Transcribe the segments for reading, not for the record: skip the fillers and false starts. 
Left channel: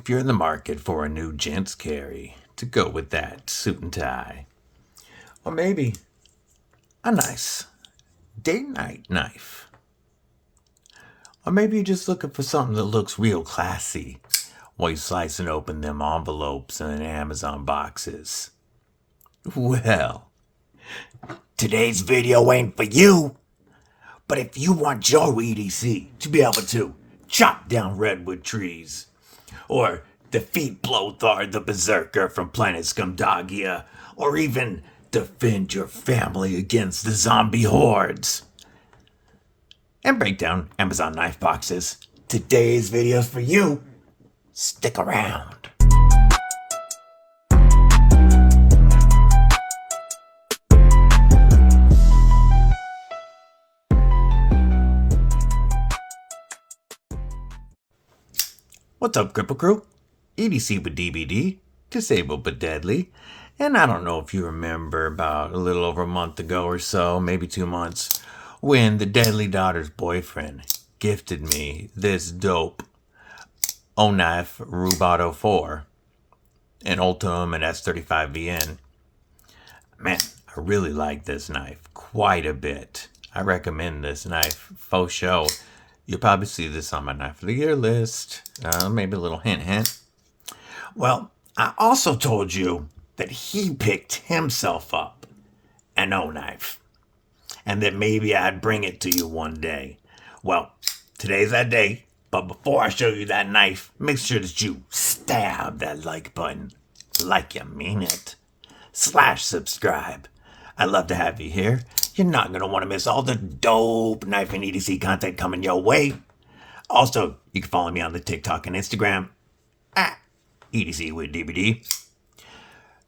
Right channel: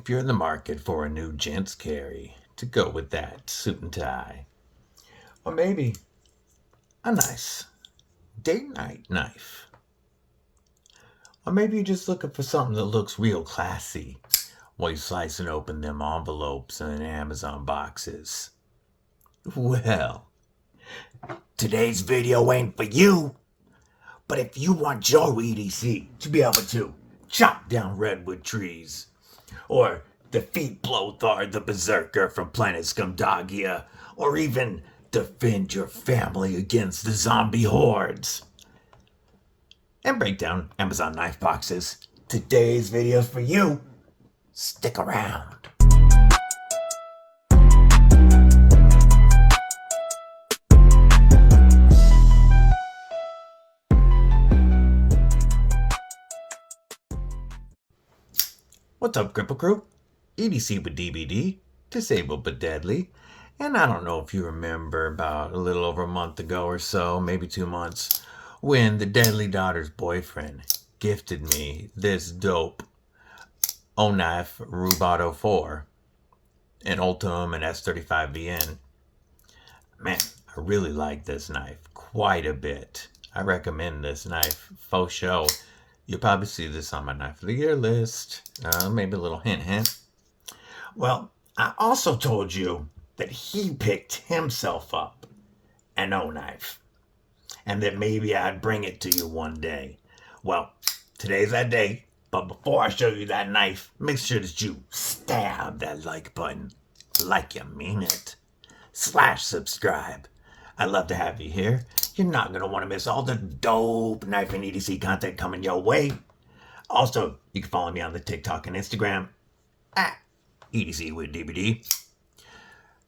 if you're in the market for a new gents carry to go with that suit and tie, or maybe a nice date night knife, or maybe you're just looking for something that looks real classy while you're slicing open them envelopes and Amazon boxes. Well, today's video ain't for you, but if you want your EDC to be able to chop down redwood trees, or defeat Blothar the Berserker from planet Scumdagia, or even defend your family against the zombie hordes, and break down Amazon knife boxes, today's video's for you. Stick around. What's up, Cripple Crew? EDC with DBD, disabled but deadly. And I don't know if you remember about a little over a month ago or so, maybe 2 months, when the Deadly Daughter's boyfriend gifted me this dope Oknife Rubato 4, an Ultim and S35VN. Man, I really like this knife quite a bit. I recommend this knife, faux show. You'll probably see this on my Knife of the Year list. Maybe a little hint. Well, I also told you that he picked himself up an O-knife, and that maybe I'd bring it to you one day. Well, today's that day, but before I show you that knife, make sure that you stab that like button, like you mean it, /subscribe. I'd love to have you here. You're not going to want to miss all the dope knife and EDC content coming your way. Also, you can follow me on the TikTok and Instagram at EDC with DBD.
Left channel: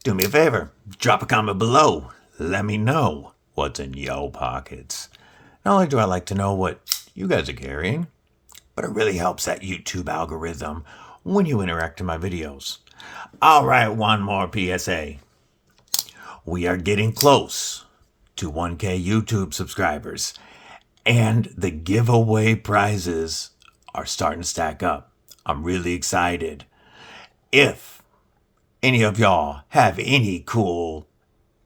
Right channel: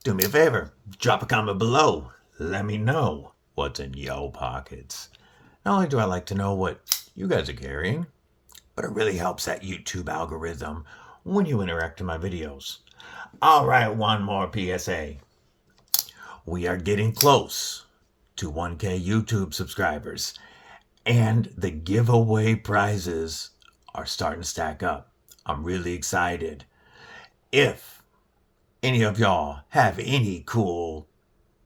Do me a favor, drop a comment below. Let me know what's in your pockets. Not only do I like to know what you guys are carrying, but it really helps that YouTube algorithm when you interact in my videos. All right, one more PSA. We are getting close to 1K YouTube subscribers, and the giveaway prizes are starting to stack up. I'm really excited. If any of y'all have any cool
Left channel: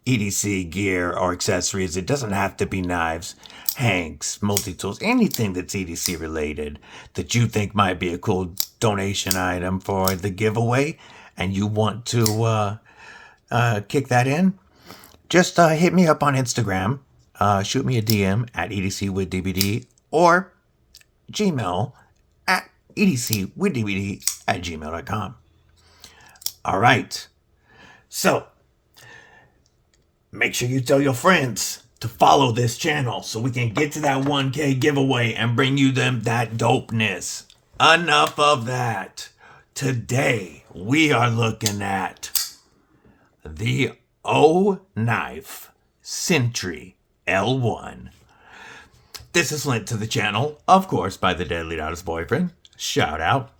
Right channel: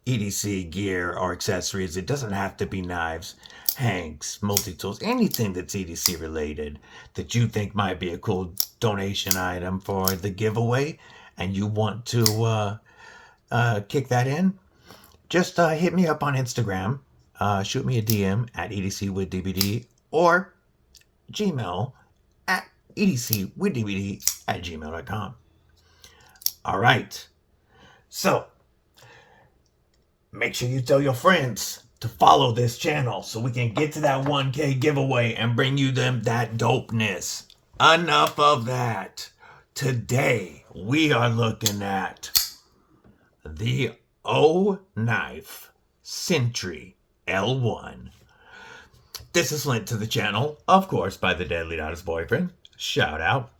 EDC gear or accessories, it doesn't have to be knives, hanks, multi-tools, anything that's EDC related that you think might be a cool donation item for the giveaway, and you want to kick that in, just hit me up on Instagram, shoot me a DM at EDC with DBD, or Gmail at edcwithdbd@gmail.com. All right. So, make sure you tell your friends to follow this channel so we can get to that 1K giveaway and bring you them that dopeness. Enough of that. Today, we are looking at the Oknife Sentry L1. This is lent to the channel, of course, by the Deadly Daughter's boyfriend. Shout out.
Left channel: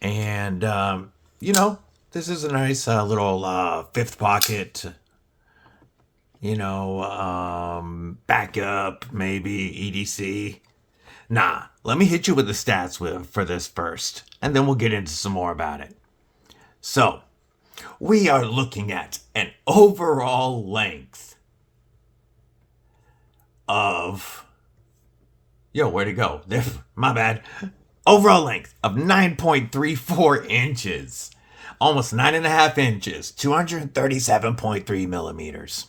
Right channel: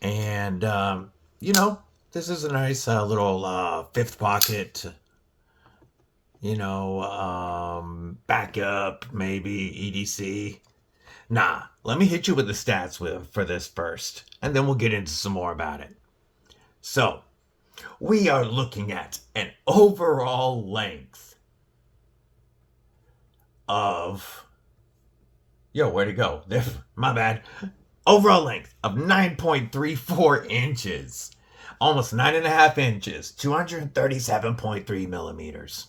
And, this is a nice little fifth pocket, backup, maybe EDC. Nah, let me hit you with the stats for this first, and then we'll get into some more about it. So, we are looking at an overall length of... where'd it go? My bad. Overall length of 9.34 inches. Almost 9.5 inches. 237.3 millimeters.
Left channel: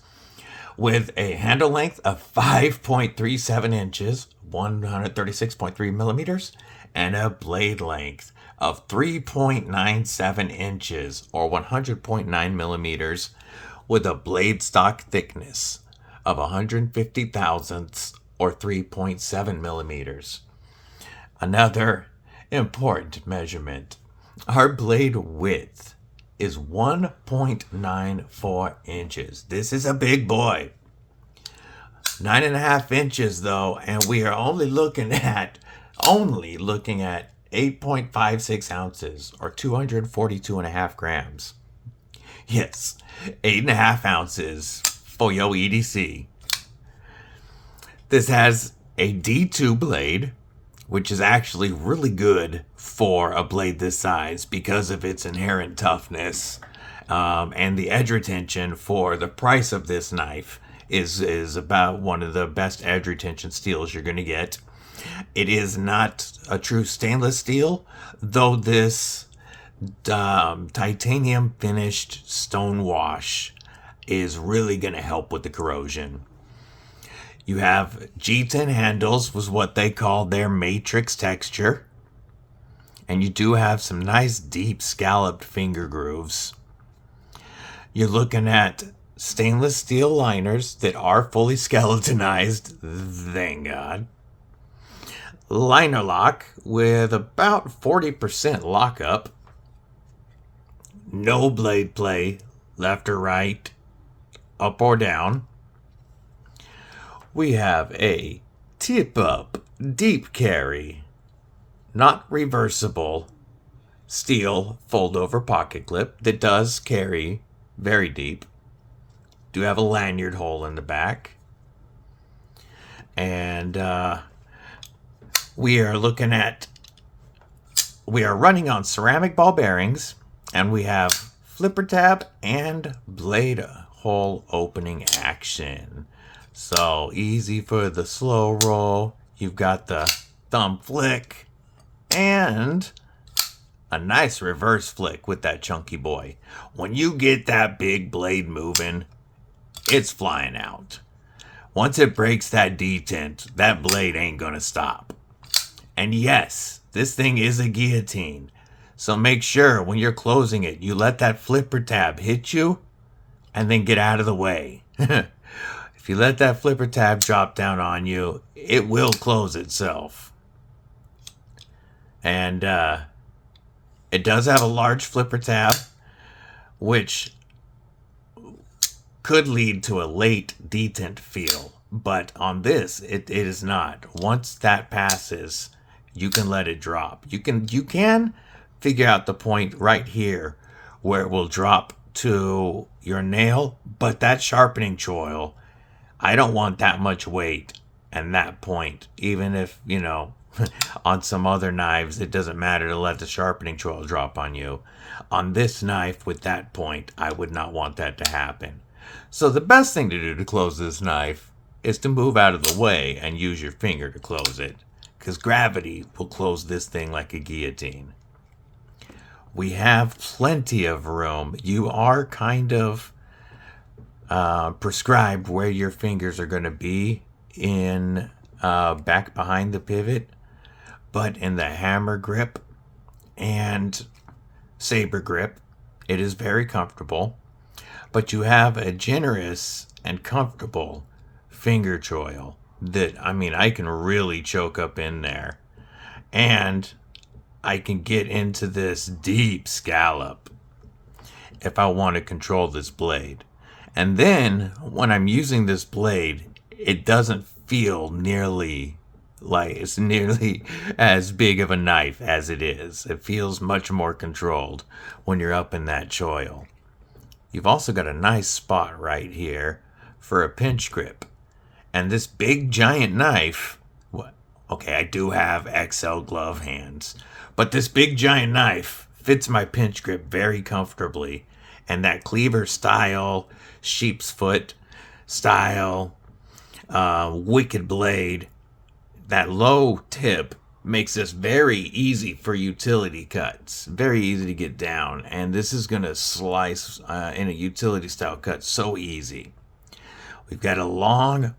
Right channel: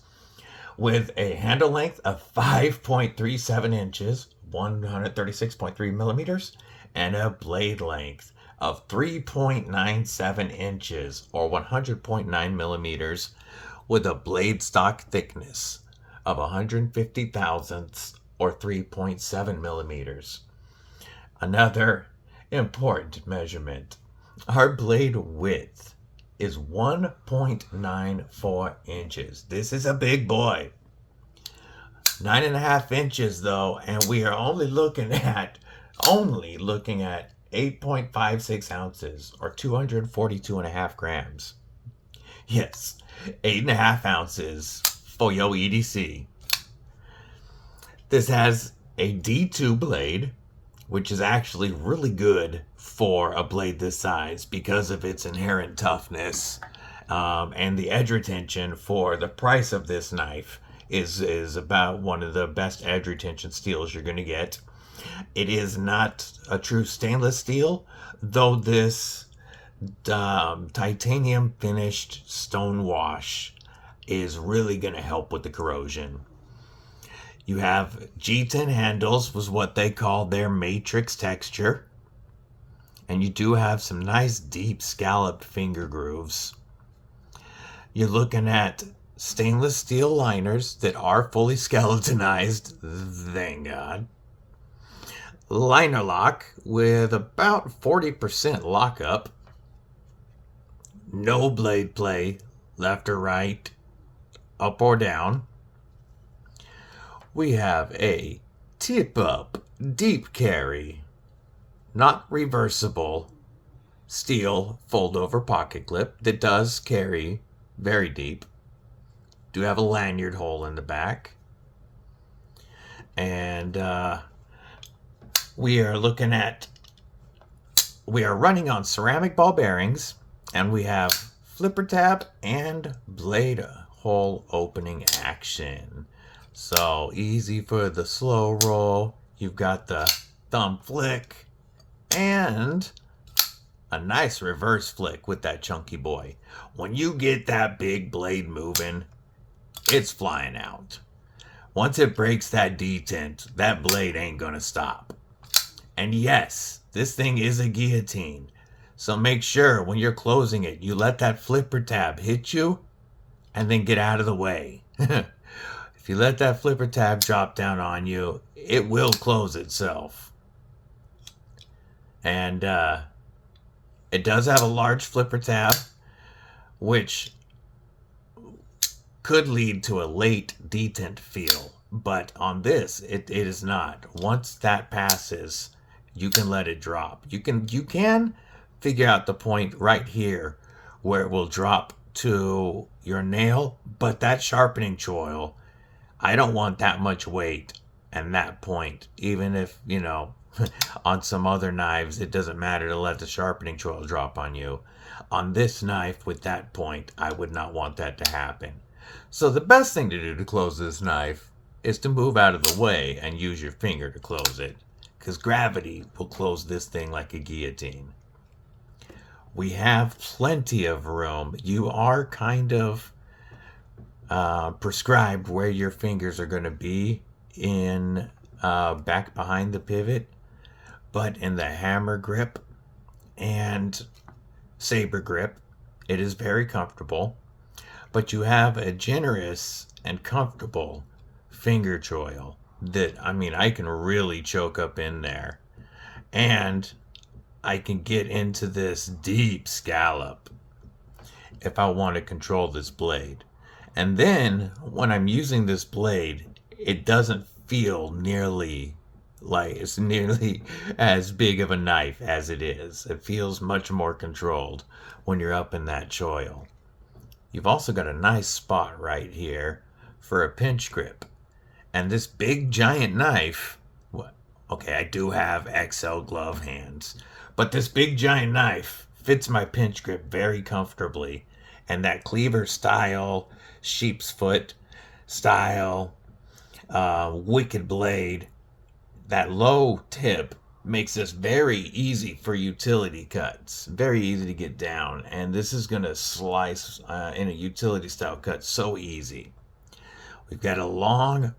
With a handle length of 5.37 inches. 136.3 millimeters. And a blade length of 3.97 inches or 100.9 millimeters, with a blade stock thickness of 150 thousandths or 3.7 millimeters. Another important measurement, our blade width is 1.94 inches. This is a big boy. 9.5 inches though, and we are only looking at 8.56 ounces or 242.5 grams. Yes, 8.5 ounces for your EDC. This has a D2 blade which is actually really good for a blade this size because of its inherent toughness. And the edge retention for the price of this knife is about one of the best edge retention steels you're going to get. It is not a true stainless steel, though this titanium finished stone wash is really going to help with the corrosion. You have G10 handles, was what they call their matrix texture. And you do have some nice deep scalloped finger grooves. You're looking at stainless steel liners that are fully skeletonized, thank God. Liner lock with about 40% lockup. No blade play, left or right, up or down. We have a tip up deep carry, not reversible, steel fold over pocket clip that does carry very deep. Do have a lanyard hole in the back. And we are running on ceramic ball bearings, and we have flipper tab and blade hole opening action. So easy for the slow roll. You've got the thumb flick and a nice reverse flick with that chunky boy. When you get that big blade moving, it's flying out. Once it breaks that detent, that blade ain't gonna stop. And yes, this thing is a guillotine. So make sure when you're closing it, you let that flipper tab hit you and then get out of the way. If you let that flipper tab drop down on you, it will close itself. And it does have a large flipper tab, which could lead to a late detent feel. But on this, it is not. Once that passes, you can let it drop. You can figure out the point right here where it will drop to your nail, but that sharpening choil, I don't want that much weight and that point. Even if, on some other knives, it doesn't matter to let the sharpening choil drop on you. On this knife with that point, I would not want that to happen. So the best thing to do to close this knife is to move out of the way and use your finger to close it, because gravity will close this thing like a guillotine. We have plenty of room. You are kind of prescribed where your fingers are going to be in back behind the pivot, but in the hammer grip and saber grip, it is very comfortable. But you have a generous and comfortable finger choil that, I can really choke up in there. And I can get into this deep scallop if I want to control this blade. And then when I'm using this blade, it doesn't feel nearly as big of a knife as it is. It feels much more controlled when you're up in that choil. You've also got a nice spot right here for a pinch grip. And this big giant knife, okay, I do have XL glove hands, but this big giant knife fits my pinch grip very comfortably. And that cleaver style, sheep's foot style, wicked blade, that low tip makes this very easy for utility cuts. Very easy to get down. And this is going to slice in a utility style cut so easy. We've got a long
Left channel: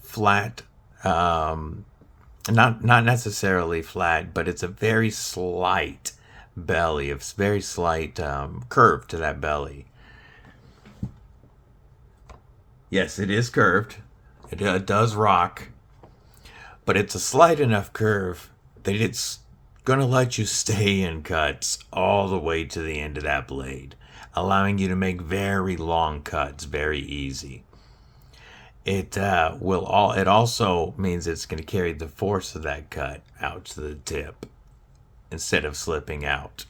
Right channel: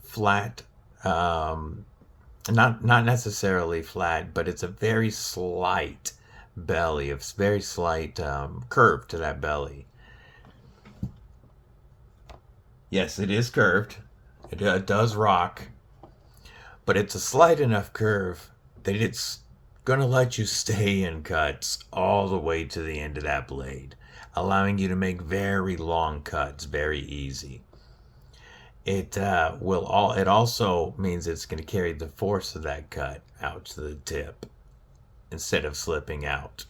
flat, not necessarily flat, but it's a very slight belly. It's very slight curve to that belly. Yes, it is curved. It does rock, but it's a slight enough curve that it's going to let you stay in cuts all the way to the end of that blade, allowing you to make very long cuts very easy. It also means it's going to carry the force of that cut out to the tip instead of slipping out.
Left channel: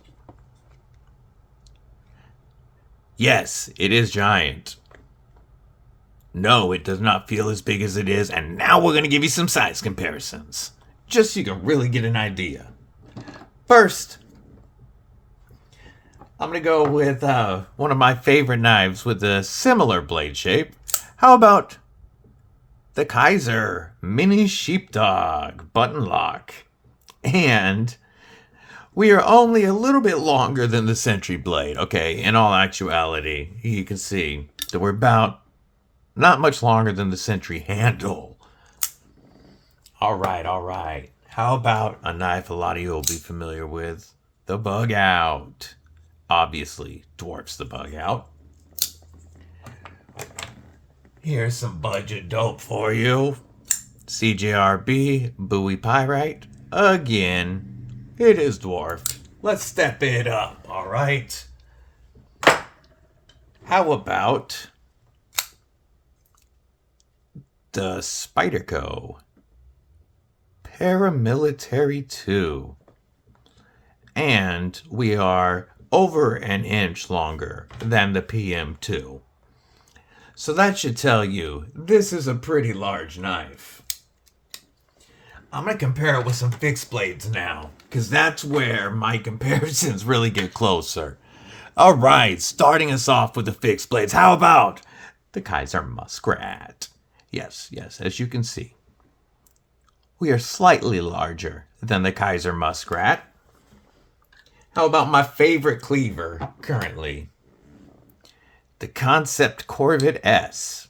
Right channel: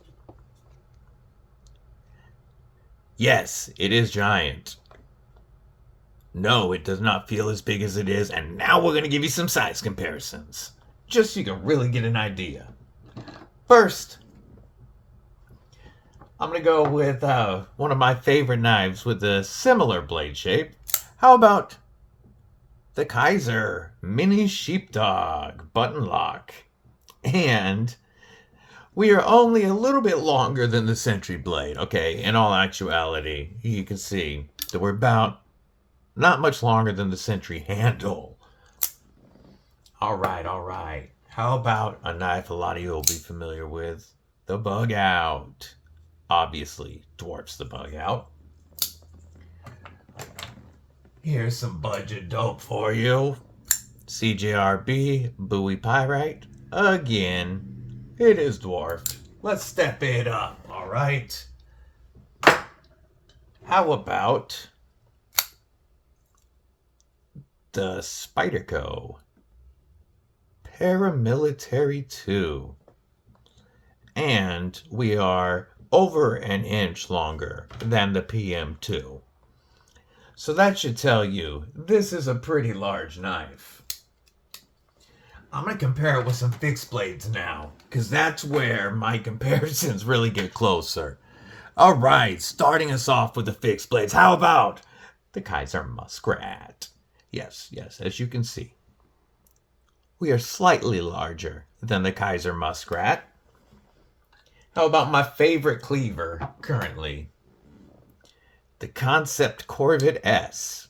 Yes, it is giant. No, it does not feel as big as it is. And now we're going to give you some size comparisons, just so you can really get an idea. First, I'm going to go with one of my favorite knives with a similar blade shape. How about the Kaiser Mini Sheepdog Button Lock? And we are only a little bit longer than the Sentry blade. Okay, in all actuality, you can see that we're about not much longer than the Sentry handle. All right. How about a knife a lot of you will be familiar with? The Bug Out. Obviously dwarfs the Bug Out. Here's some budget dope for you. CJRB Bowie Pyrite. Again, it is dwarfed. Let's step it up, all right? How about the Spyderco Paramilitary 2? And we are over an inch longer than the PM2. So that should tell you this is a pretty large knife. I'm going to compare it with some fixed blades now, because that's where my comparisons really get closer. All right, starting us off with the fixed blades. How about the Kaiser Muskrat? Yes, as you can see, we are slightly larger than the Kaiser Muskrat. How about my favorite cleaver currently? The Concept Corvette S.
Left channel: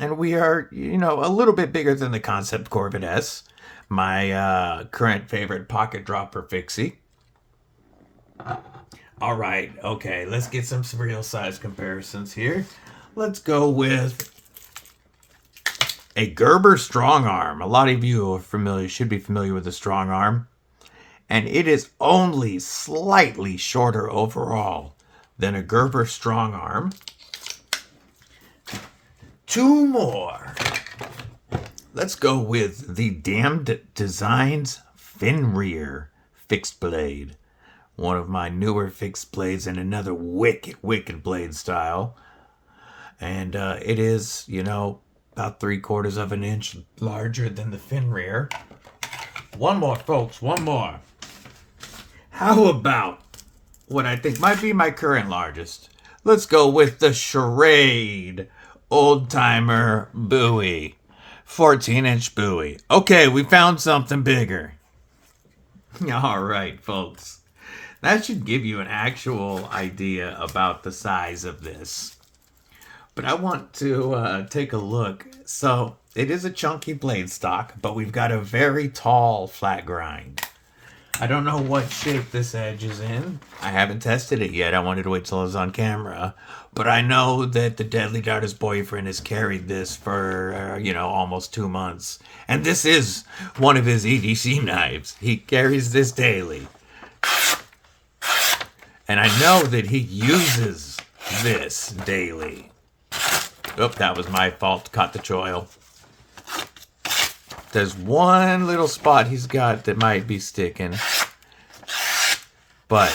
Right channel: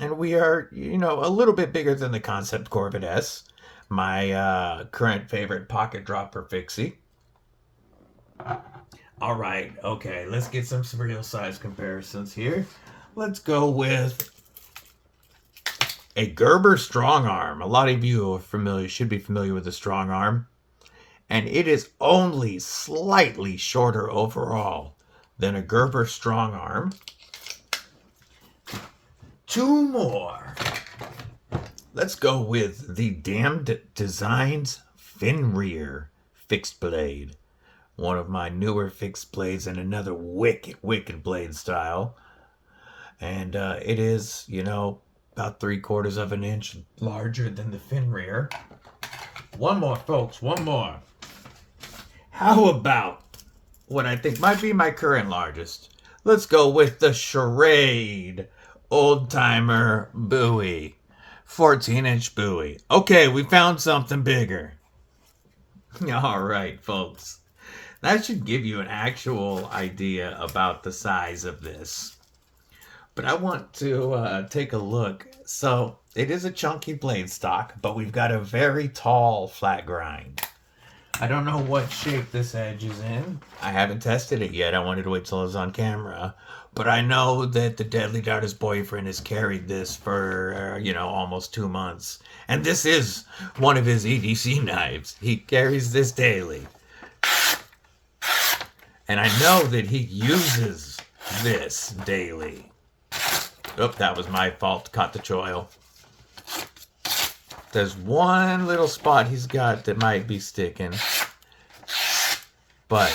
And we are, a little bit bigger than the Concept Corvette S. My current favorite pocket dropper fixie. All right, okay, let's get some real size comparisons here. Let's go with a Gerber Strong Arm. A lot of you should be familiar with the Strong Arm. And it is only slightly shorter overall than a Gerber Strong Arm. Two more. Let's go with the Damned Designs Fenrir fixed blade. One of my newer fixed blades and another wicked blade style. And it is, about 3/4 of an inch larger than the Fenrir. One more, folks, one more. How about what I think might be my current largest? Let's go with the Charade Old Timer Bowie. 14-inch Bowie. Okay, we found something bigger. All right, folks. That should give you an actual idea about the size of this. But I want to take a look. So it is a chunky blade stock, but we've got a very tall flat grind. I don't know what shape this edge is in. I haven't tested it yet. I wanted to wait till it was on camera. But I know that the Deadly Darter's boyfriend has carried this for, almost 2 months. And this is one of his EDC knives. He carries this daily. And I know that he uses this daily. Oop, that was my fault. Caught the choil. There's one little spot he's got that might be sticking. But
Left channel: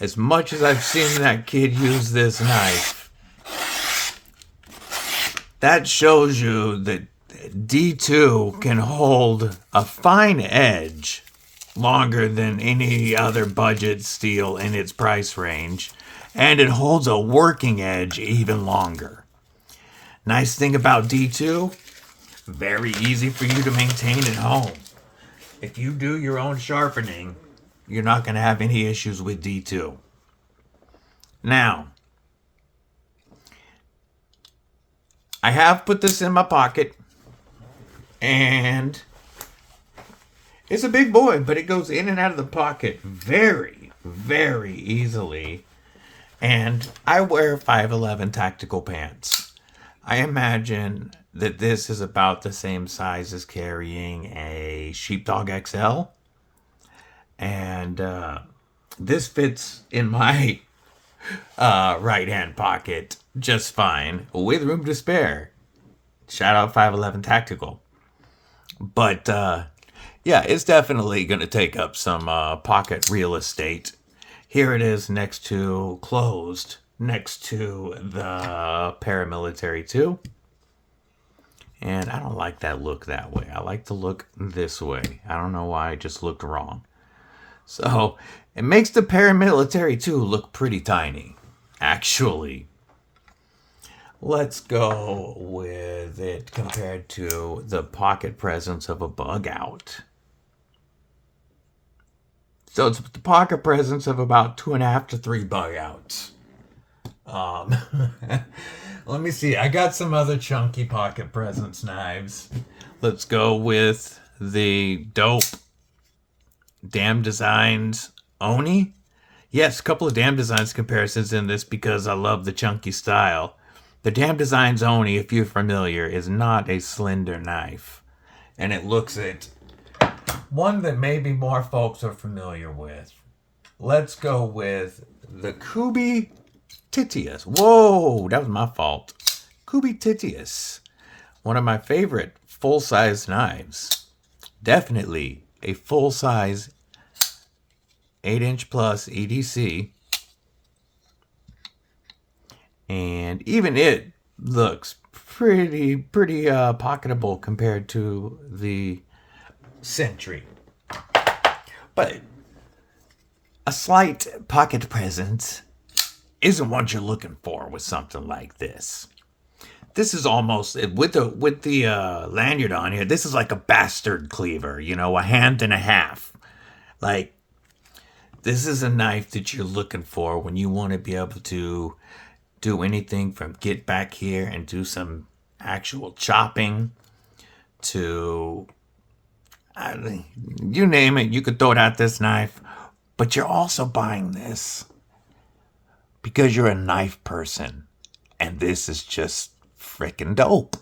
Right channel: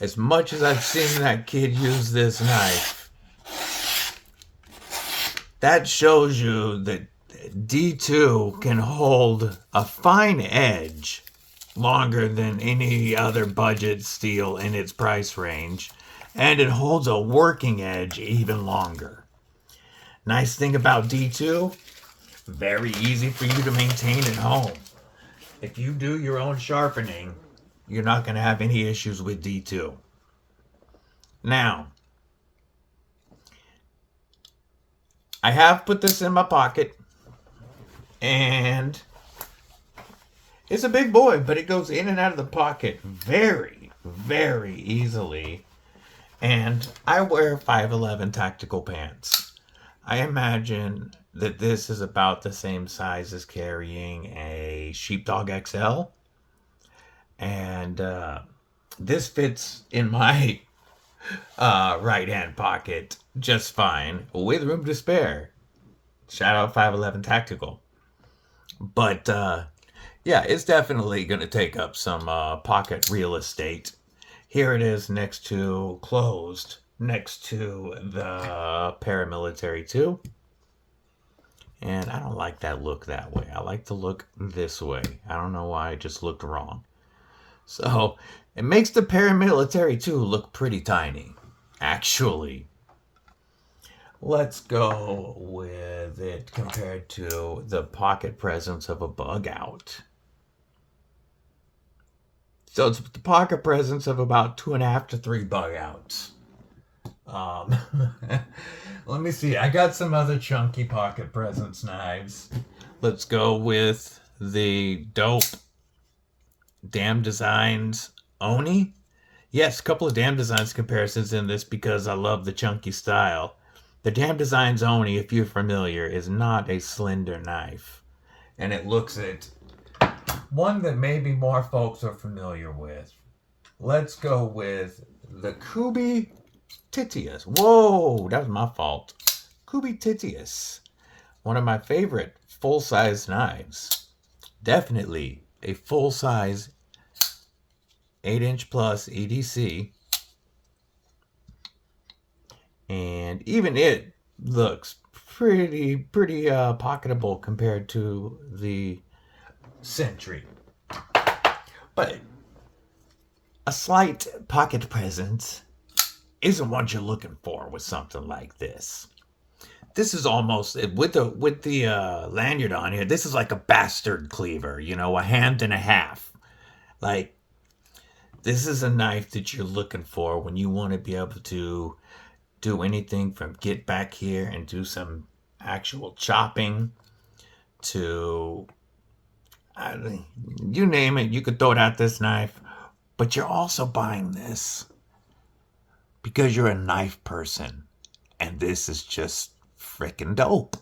as much as I've seen that kid use this knife, that shows you that D2 can hold a fine edge longer than any other budget steel in its price range, and it holds a working edge even longer. Nice thing about D2, very easy for you to maintain at home. If you do your own sharpening, you're not going to have any issues with D2. Now, I have put this in my pocket, and it's a big boy, but it goes in and out of the pocket very, very easily. And I wear 5'11" tactical pants. I imagine that this is about the same size as carrying a Sheepdog XL. And this fits in my right hand pocket just fine, with room to spare. Shout out 5'11" tactical. But yeah, it's definitely going to take up some pocket real estate. Here it is next to closed next to the paramilitary too. And I don't like that look that way. I like to look this way. I don't know why I just looked wrong. So it makes the paramilitary too look pretty tiny, actually. Let's go with it compared to the pocket presence of a bug out. So it's the pocket presence of about 2.5 to 3 bug outs. Um, let me see. I got some other chunky pocket presence knives. Let's go with the dope Damn Designs Oni. Yes, a couple of Damn Designs comparisons in this because I love the chunky style. The Damn Designs Oni, if you're familiar, is not a slender knife. And it looks at one that maybe more folks are familiar with. Let's go with the Kubi Titius. Whoa, that was my fault. Kubi Titius. One of my favorite full-size knives. Definitely a full-size 8-inch plus EDC. And even it looks pretty pocketable compared to the Sentry. But a slight pocket presence isn't what you're looking for with something like this. This is almost with the lanyard on here. This is like a bastard cleaver, you know, a hand and a half. Like, this is a knife that you're looking for when you want to be able to do anything from get back here and do some actual chopping to you name it, you could throw it at this knife. But you're also buying this because you're a knife person, and this is just freaking dope.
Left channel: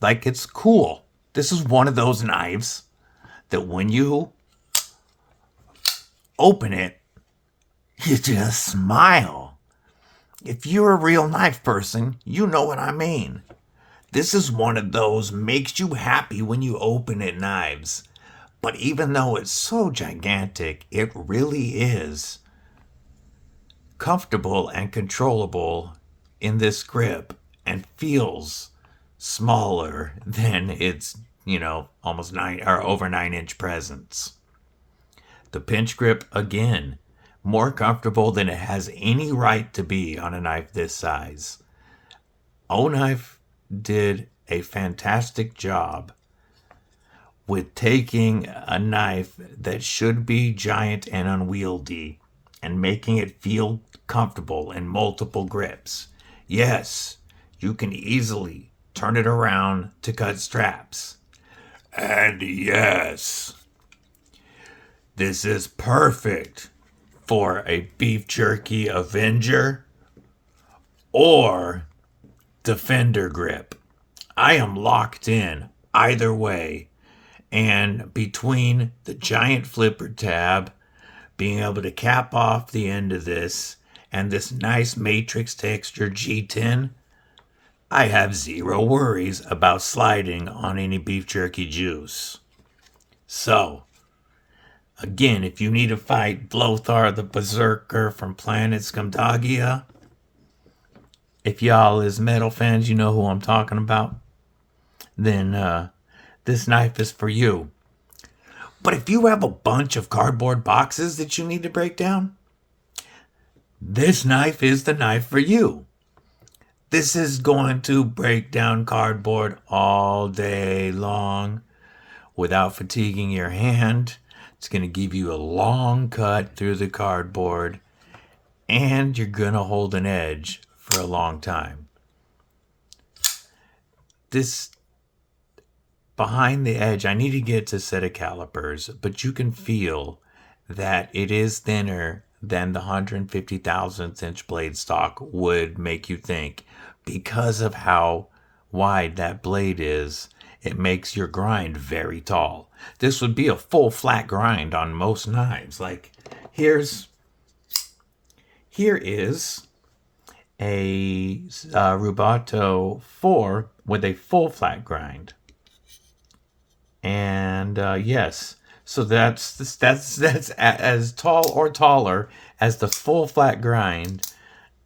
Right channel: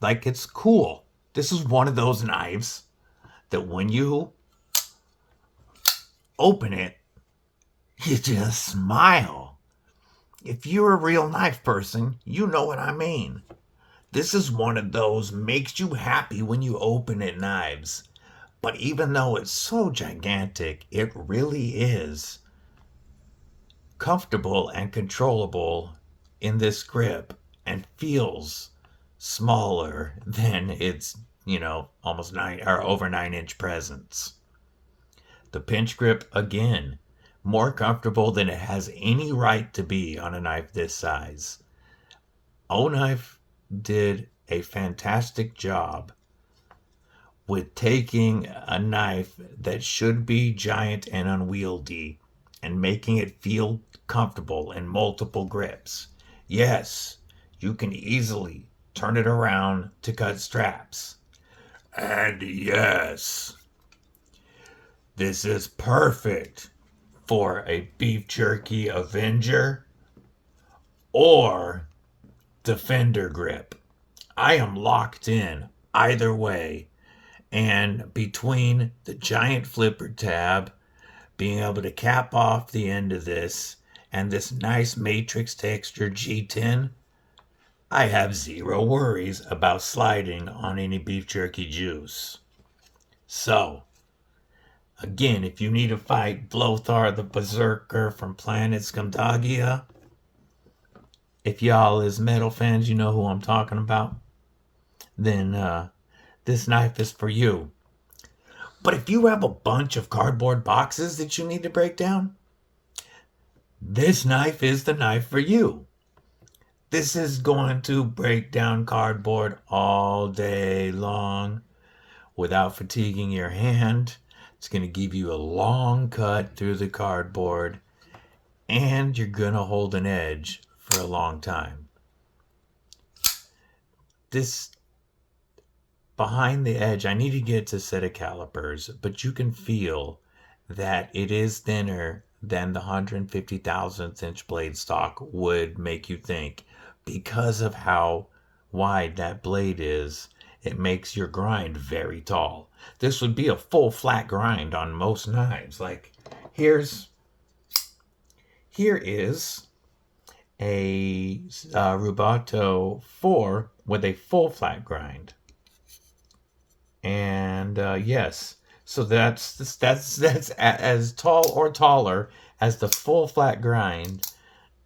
Like, it's cool. This is one of those knives that when you open it, you just smile. If you're a real knife person, you know what I mean. This is one of those makes you happy when you open it knives. But even though it's so gigantic, it really is comfortable and controllable in this grip and feels smaller than its, almost 9 or over 9-inch presence. The pinch grip, again, more comfortable than it has any right to be on a knife this size. Oknife did a fantastic job with taking a knife that should be giant and unwieldy and making it feel comfortable in multiple grips. Yes, you can easily turn it around to cut straps. And yes, this is perfect for a beef jerky Avenger or Defender grip. I am locked in either way, and between the giant flipper tab, being able to cap off the end of this, and this nice matrix texture G10, I have zero worries about sliding on any beef jerky juice. So, again, if you need to fight Blothar the Berserker from Planet Scumdagia, if y'all is metal fans, you know who I'm talking about, then this knife is for you. But if you have a bunch of cardboard boxes that you need to break down, this knife is the knife for you. This is going to break down cardboard all day long without fatiguing your hand. It's going to give you a long cut through the cardboard, and you're going to hold an edge for a long time. This behind the edge, I need to get to set of calipers, but you can feel that it is thinner than the 150 thousandth inch blade stock would make you think. Because of how wide that blade is, it makes your grind very tall. This would be a full flat grind on most knives. Like, here is a Rubato 4 with a full flat grind. And yes, so that's as tall or taller as the full flat grind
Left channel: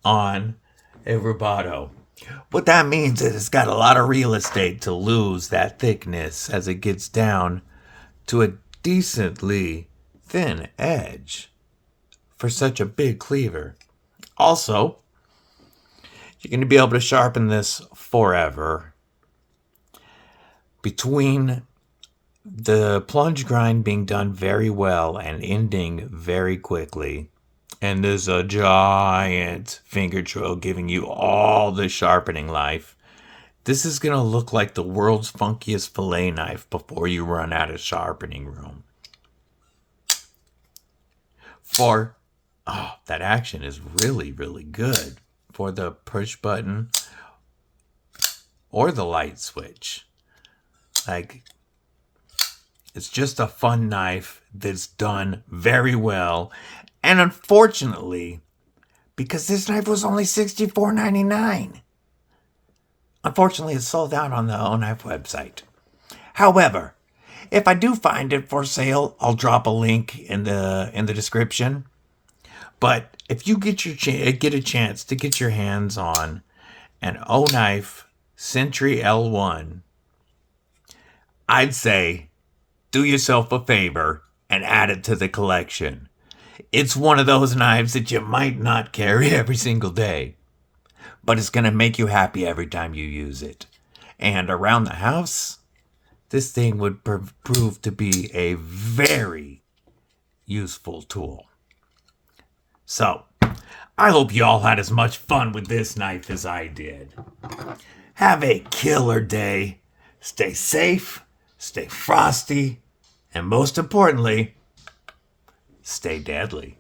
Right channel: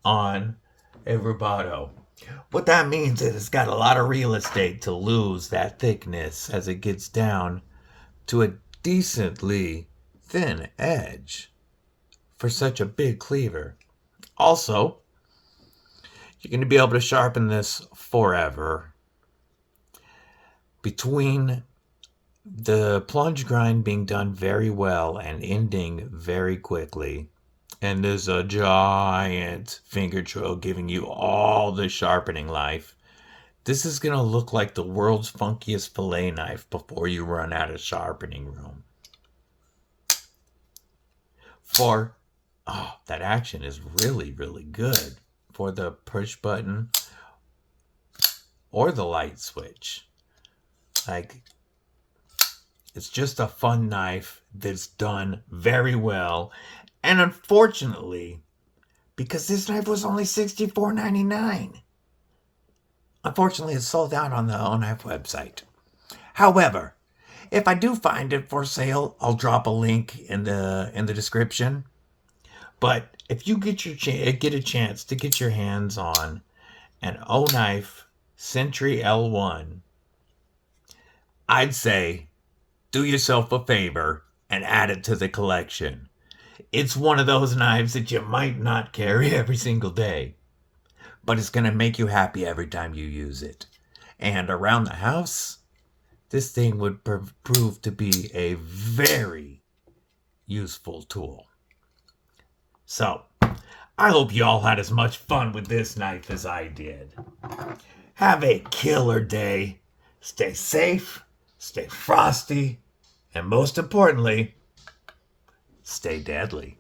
on a rubato. What that means is it's got a lot of real estate to lose that thickness as it gets down to a decently thin edge for such a big cleaver. Also, you're going to be able to sharpen this forever. Between the plunge grind being done very well and ending very quickly, and there's a giant finger drill giving you all the sharpening life, this is going to look like the world's funkiest fillet knife before you run out of sharpening room. That action is really, really good for the push button or the light switch. Like, it's just a fun knife that's done very well. And unfortunately, because this knife was only $64.99, unfortunately it's sold out on the Oknife website. However, if I do find it for sale, I'll drop a link in the description. But if you get a chance to get your hands on an Oknife Sentry L1, I'd say do yourself a favor and add it to the collection. It's one of those knives that you might not carry every single day, but it's going to make you happy every time you use it. And around the house, this thing would prove to be a very useful tool. So, I hope you all had as much fun with this knife as I did. Have a killer day. Stay safe, stay frosty, and most importantly, stay deadly.